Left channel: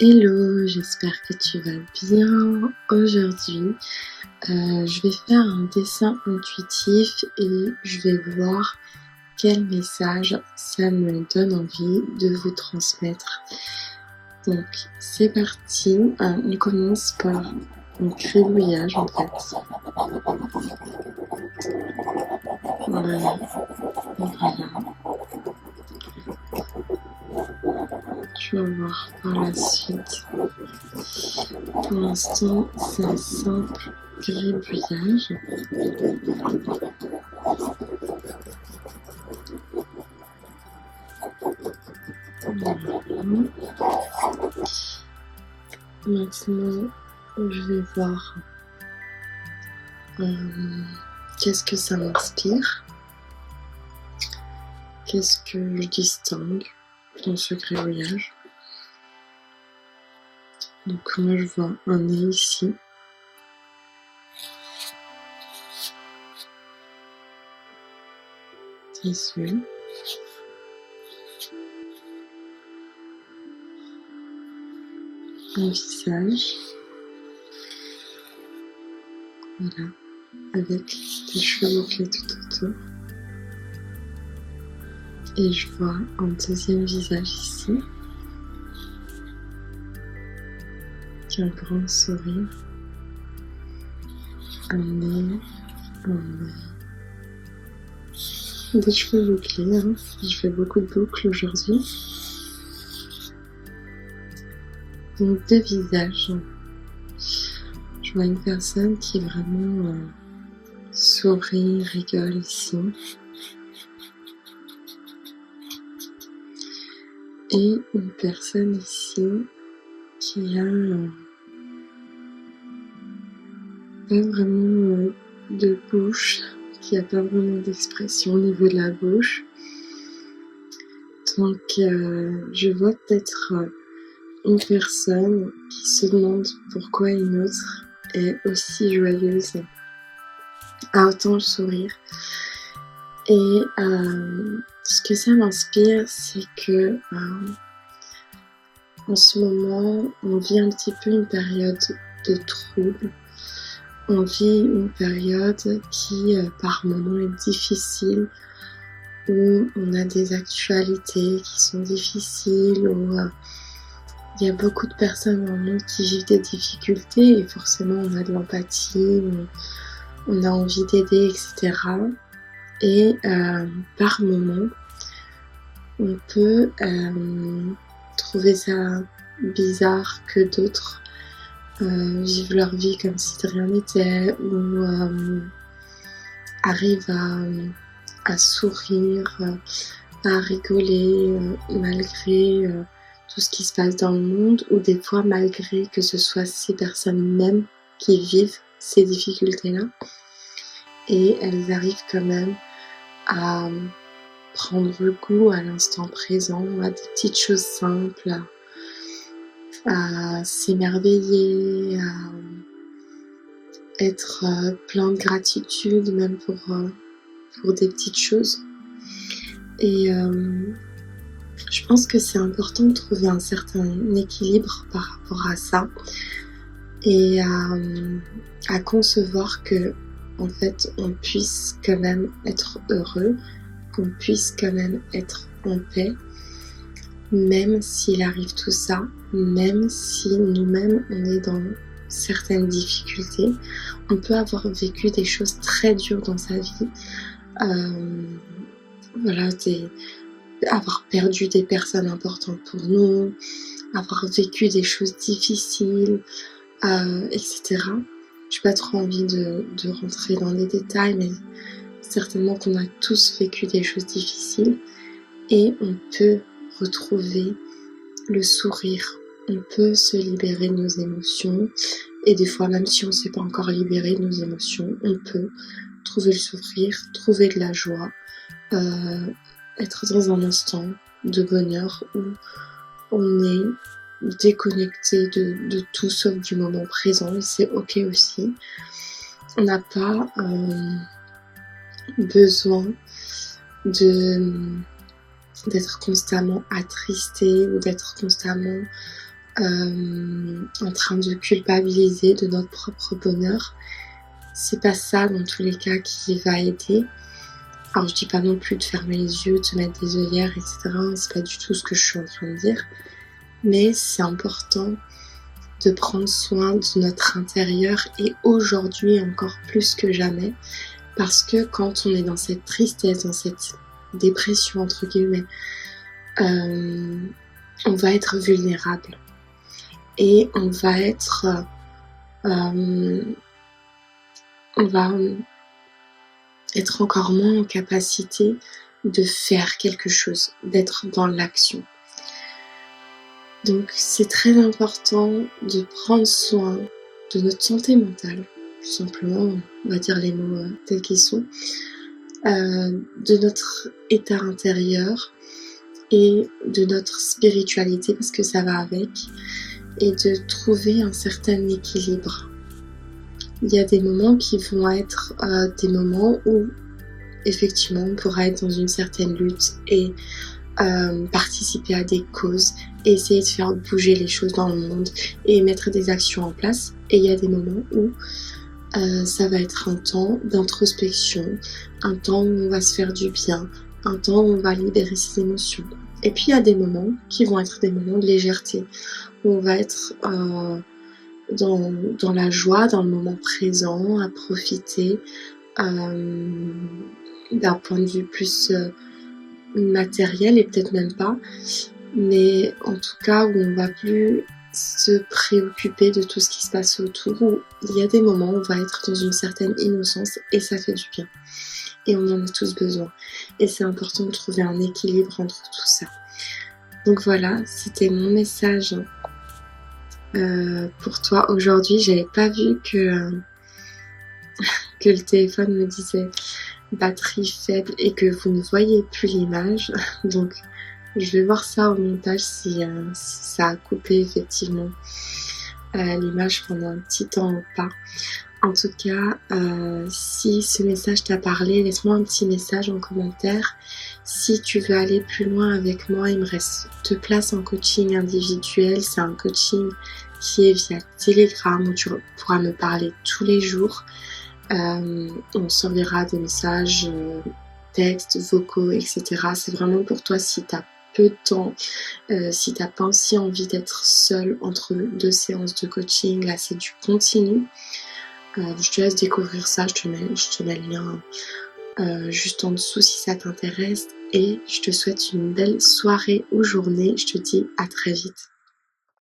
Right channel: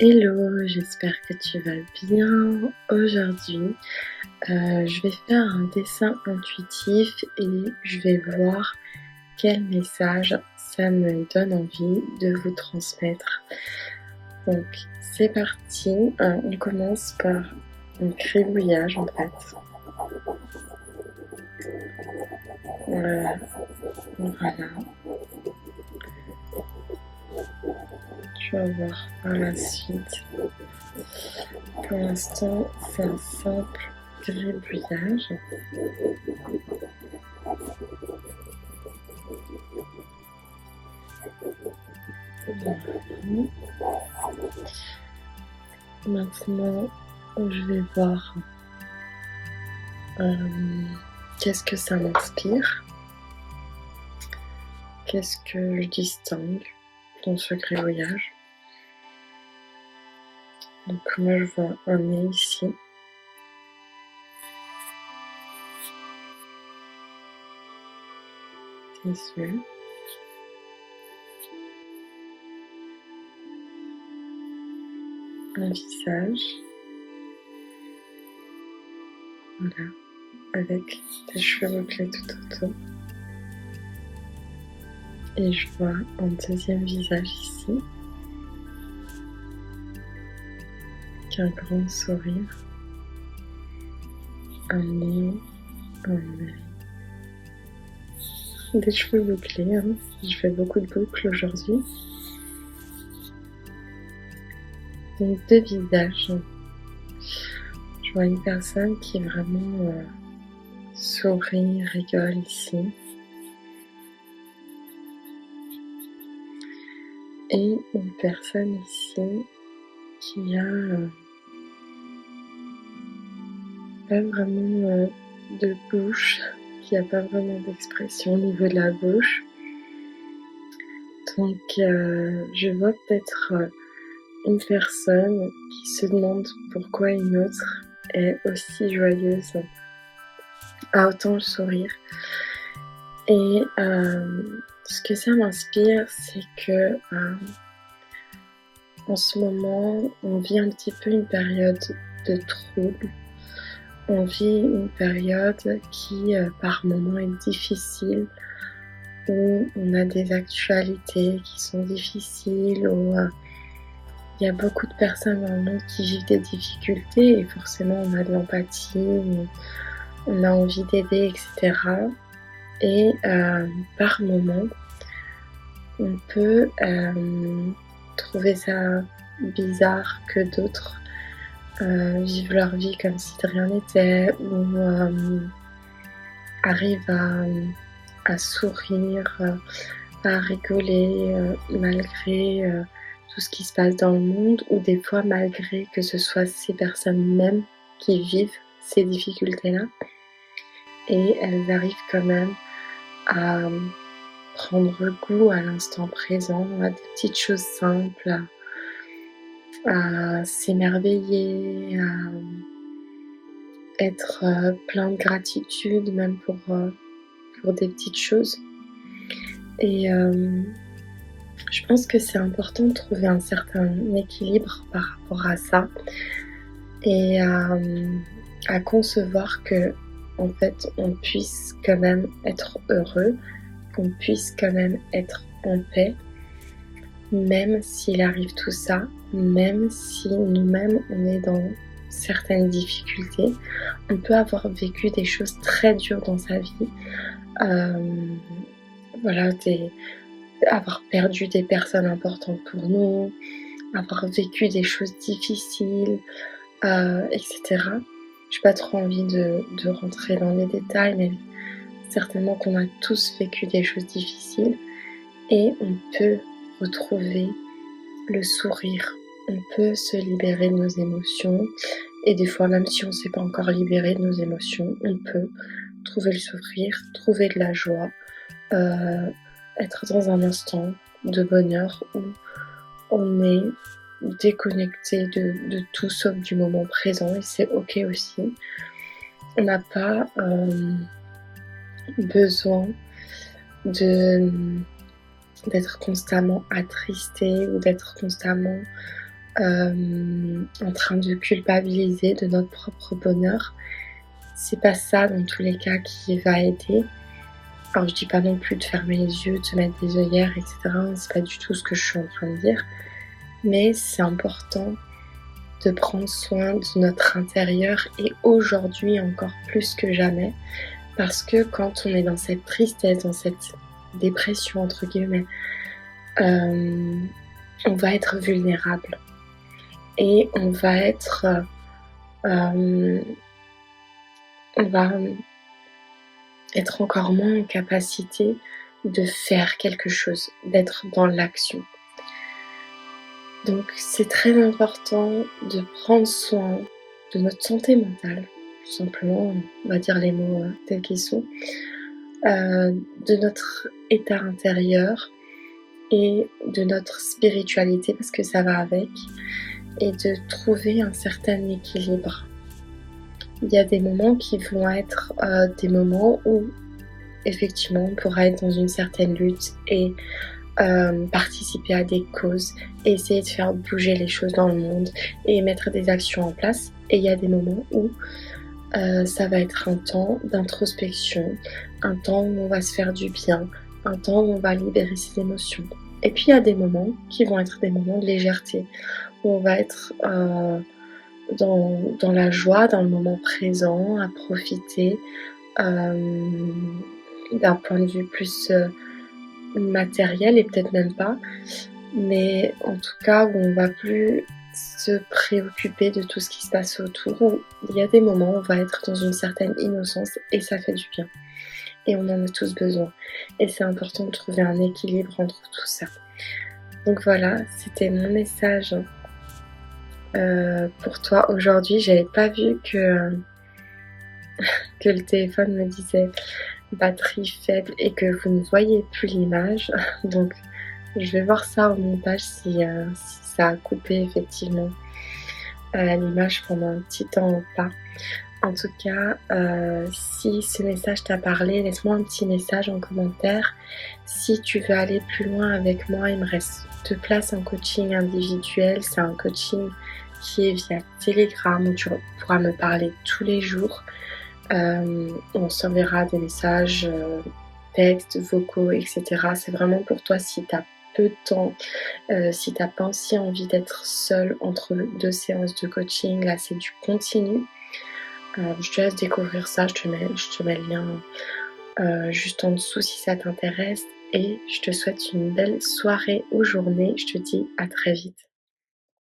Hello, j'espère que tu vas bien. Aujourd'hui, je vais faire un dessin intuitif et je vais voir quel message ça me donne envie de vous transmettre. Donc, c'est parti. On commence par un gribouillage en fait. Voilà. Tu vas voir par la suite. Pour l'instant, c'est un simple gribouillage. Voilà. Maintenant, je vais voir qu'est-ce que ça m'inspire, qu'est-ce que je distingue dans ce gribouillage. Donc moi je vois un nez ici. Des yeux. Un visage. Voilà. Avec des cheveux bouclés tout autour. Et je vois un deuxième visage ici. Qui a un grand sourire. Un nez. Un œil. Des cheveux bouclés, hein. Je fais beaucoup de boucles aujourd'hui. Donc deux visages. Je vois une personne qui vraiment sourit, rigole ici. Et une personne ici qui a pas vraiment de bouche, qui a pas vraiment d'expression au niveau de la bouche. Donc je vois peut-être une personne qui se demande pourquoi une autre est aussi joyeuse, a autant le sourire. Et ce que ça m'inspire, c'est que en ce moment, on vit un petit peu une période de trouble. On vit une période qui, par moments, est difficile, où on a des actualités qui sont difficiles, où il y a beaucoup de personnes dans le monde qui vivent des difficultés et forcément on a de l'empathie, on a envie d'aider, etc. Et par moments, on peut trouver ça bizarre que d'autres vivent leur vie comme si de rien n'était, ou arrivent à sourire, à rigoler malgré tout ce qui se passe dans le monde, ou des fois malgré que ce soit ces personnes mêmes qui vivent ces difficultés-là. Et elles arrivent quand même à prendre goût à l'instant présent, à des petites choses simples, à s'émerveiller, à être plein de gratitude même pour des petites choses. Et je pense que c'est important de trouver un certain équilibre par rapport à ça et à concevoir que en fait on puisse quand même être heureux, qu'on puisse quand même être en paix, même s'il arrive tout ça, même si nous-mêmes on est dans certaines difficultés. On peut avoir vécu des choses très dures dans sa vie, voilà, avoir perdu des personnes importantes pour nous, avoir vécu des choses difficiles, etc. J'ai pas trop envie de rentrer dans les détails, mais certainement qu'on a tous vécu des choses difficiles et on peut retrouver le sourire, on peut se libérer de nos émotions et des fois même si on ne s'est pas encore libéré de nos émotions, on peut trouver le sourire, trouver de la joie, être dans un instant de bonheur où on est déconnecté de tout sauf du moment présent et c'est ok aussi. On n'a pas besoin d'être constamment attristé ou d'être constamment en train de culpabiliser de notre propre bonheur. C'est pas ça dans tous les cas qui va aider. Alors je dis pas non plus de fermer les yeux, de se mettre des œillères, etc. C'est pas du tout ce que je suis en train de dire. Mais c'est important de prendre soin de notre intérieur et aujourd'hui encore plus que jamais. Parce que quand on est dans cette tristesse, dans cette dépression entre guillemets, on va être vulnérable. Et on va être encore moins en capacité de faire quelque chose, d'être dans l'action. Donc c'est très important de prendre soin de notre santé mentale, tout simplement, on va dire les mots tels qu'ils sont, de notre état intérieur et de notre spiritualité, parce que ça va avec, et de trouver un certain équilibre. Il y a des moments qui vont être des moments où effectivement on pourra être dans une certaine lutte et participer à des causes, et essayer de faire bouger les choses dans le monde et mettre des actions en place. Et il y a des moments où ça va être un temps d'introspection, un temps où on va se faire du bien, un temps où on va libérer ses émotions. Et puis il y a des moments qui vont être des moments de légèreté, où on va être dans la joie, dans le moment présent, à profiter d'un point de vue plus matériel, et peut-être même pas, mais en tout cas où on va plus se préoccuper de tout ce qui se passe autour, où il y a des moments où on va être dans une certaine innocence et ça fait du bien. Et on en a tous besoin. Et c'est important de trouver un équilibre entre tout ça. Donc voilà, c'était mon message pour toi aujourd'hui. J'avais pas vu que le téléphone me disait batterie faible et que vous ne voyez plus l'image. Donc je vais voir ça au montage si ça a coupé effectivement l'image pendant un petit temps ou pas. En tout cas, si ce message t'a parlé, laisse-moi un petit message en commentaire. Si tu veux aller plus loin avec moi, il me reste 2 places en coaching individuel. C'est un coaching qui est via Telegram où tu pourras me parler tous les jours. On s'enverra des messages, textes, vocaux, etc. C'est vraiment pour toi si tu as peu de temps, si tu n'as pas aussi envie d'être seule entre 2 séances de coaching. Là, c'est du continu. Je te laisse découvrir ça, je te mets le lien juste en dessous si ça t'intéresse. Et je te souhaite une belle soirée ou journée. Je te dis à très vite.